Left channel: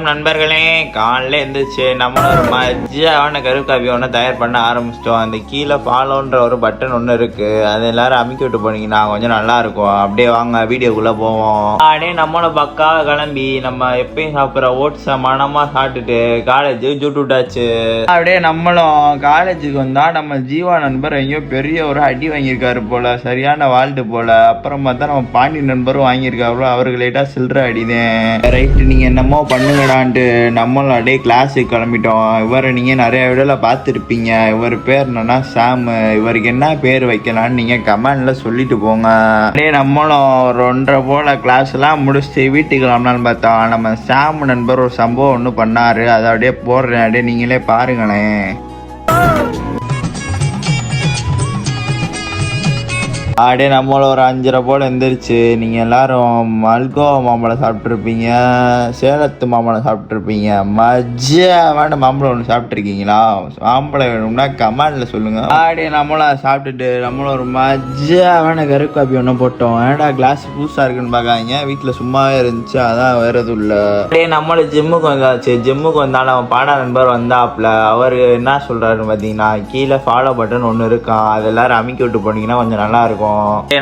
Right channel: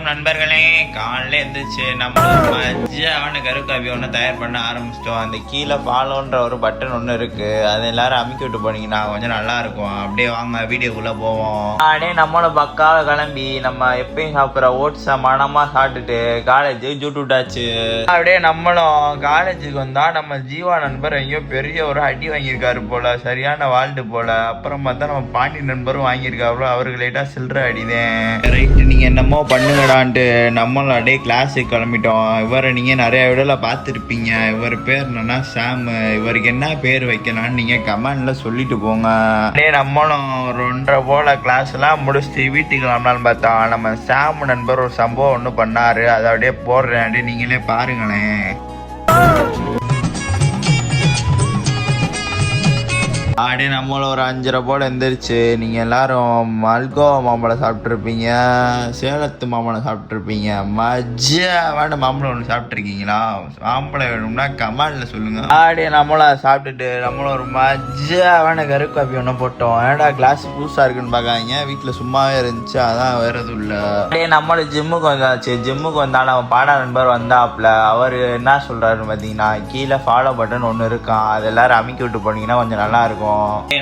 வணக்கம் நண்பர்களே. காலைல எழுந்திரிச்சு நம்ம மஜ்ஜான கருப்பு காபி ஒன்று தயார் பண்ண ஆரம்பிச்சிட்டோம். அந்த கீழே ஃபாலோன்ற ஒரு பட்டன் ஒன்று இருக்கு, அது எல்லாரும் அமுக்கி விட்டு போனீங்கன்னா கொஞ்சம் நல்லா இருக்கும். அப்படியே வாங்க வீடியோக்குள்ள போவோம். அப்படியே நம்மளோட பக்கா கிளம்பி நம்ம எப்பயும் சாப்பிட்ற ஓட்ஸ் மனமா சாப்பிட்டுட்டு காலேஜுக்கு ஜூட்டு விட்டாச்சு. அப்படியே நம்மளும் காலேஜுக்கு வந்தா நம்ம ஜீவா நண்பர் எங்கேயோ பெரிய ஒரு அடி வாங்கியிருக்காரு போல, சரியான வாழ்ட்டு போல. அப்புறம் பார்த்தா நம்ம பாண்டி நண்பரும் வாங்கியிருக்காரு, அவர்களேட்டா சில்லற அடினேன். ரைட்டு, நீங்க என்னமோ பண்ணுங்கடான்ட்டு நம்மளும் அப்படியே கிளாஸுக்கு கிளம்பிட்டோம். இவரை நீங்க நிறைய வீடியோல பார்த்துருப்பீங்க. இவர் பேர் என்னன்னா சாம். இவருக்கு என்ன பேர் வைக்கலான்னு நீங்க கமெண்ட்ல சொல்லிட்டு போங்க. அப்படியே நம்மளும் ஒரு 1:30 போல கிளாஸ் எல்லாம் முடிச்சுட்டு வீட்டுக்கு வரணும்னு பார்த்தோம். நம்ம சாம் நண்பர் ஒரு சம்பவம் ஒன்று பண்ணாரு, அதை அப்படியே போடுறேன், அப்படியே நீங்களே பாருங்களேன். அப்படியே நம்மள ஒரு 5:30 போல் எழுந்திரிச்சு நீங்கள் எல்லாரும் மல்கோவா மாம்பழம் சாப்பிட்ருப்பீங்க, சேலத்து மாம்பழம் சாப்பிட்ருப்பீங்க, மஜ்ஜாவான மாம்பழம் ஒன்று சாப்பிட்ருக்கீங்களா? மாம்பழம் வேணும்னா கமெண்டில் சொல்லுங்கள். அப்படியே நம்மளும் சாப்பிட்டுட்டு நம்மளும் ஒரு மஜ்ஜாவான கருப்பு காப்பி ஒன்று போட்டோம். ஏடா கிளாஸ் புதுசாக இருக்குன்னு பார்க்காங்க, வீட்டில் சும்மாவே இருந்துச்சு, அதான் வேற எதுவும் இல்லை. அப்படியே நம்மளும் ஜிம்முக்கு வந்தாச்சு. ஜிம்முக்கு வந்தாலும் அவன் பாடா நண்பர் வந்தாப்புல. அவர் என்ன சொல்கிறாருன்னு பார்த்தீங்கன்னா, கீழே ஃபாலோ பட்டன் ஒன்று இருக்கான், அது எல்லாரும் அமைக்கி விட்டு போனீங்கன்னா கொஞ்சம் நல்லா இருக்கும்.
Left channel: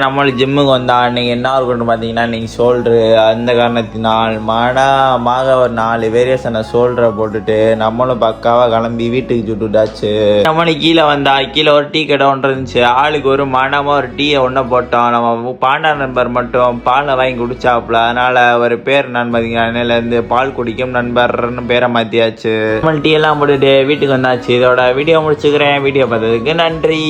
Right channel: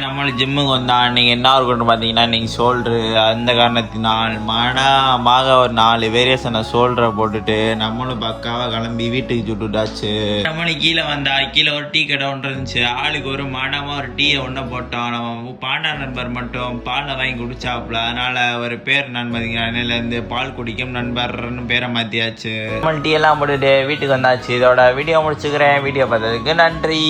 நம்மளும் ஜிம்முக்கு வந்தா அன்னைக்கு என்ன இருக்குன்னு பார்த்தீங்கன்னா, இன்னைக்கு ஷோல்டரு. அந்த காரணத்தினால் மனமாக ஒரு 4 வேரியேஷனை ஷோல்டரை போட்டுட்டு நம்மளும் பக்காவாக கிளம்பி வீட்டுக்கு சுட்டுட்டாச்சு. நம்மளும் கீழே வந்தா கீழே ஒரு டீ கடை ஒன்று இருந்துச்சு. ஆளுக்கு ஒரு மனமாக ஒரு டீயை ஒன்று போட்டோம். நம்ம பாண்டா நண்பர் மட்டும் பாலை வாங்கி குடிச்சாப்புல, அதனால ஒரு பேர் நான் பார்த்தீங்கன்னா அன்னையிலேருந்து பால் குடிக்கும் நண்பர்னு பேரை மாற்றியாச்சு. நம்ம டீ எல்லாம் போட்டுட்டு வீட்டுக்கு வந்தாச்சு. இதோட வீடியோ முடிச்சுக்கிறேன். வீடியோ பார்த்ததுக்கு நன்றி.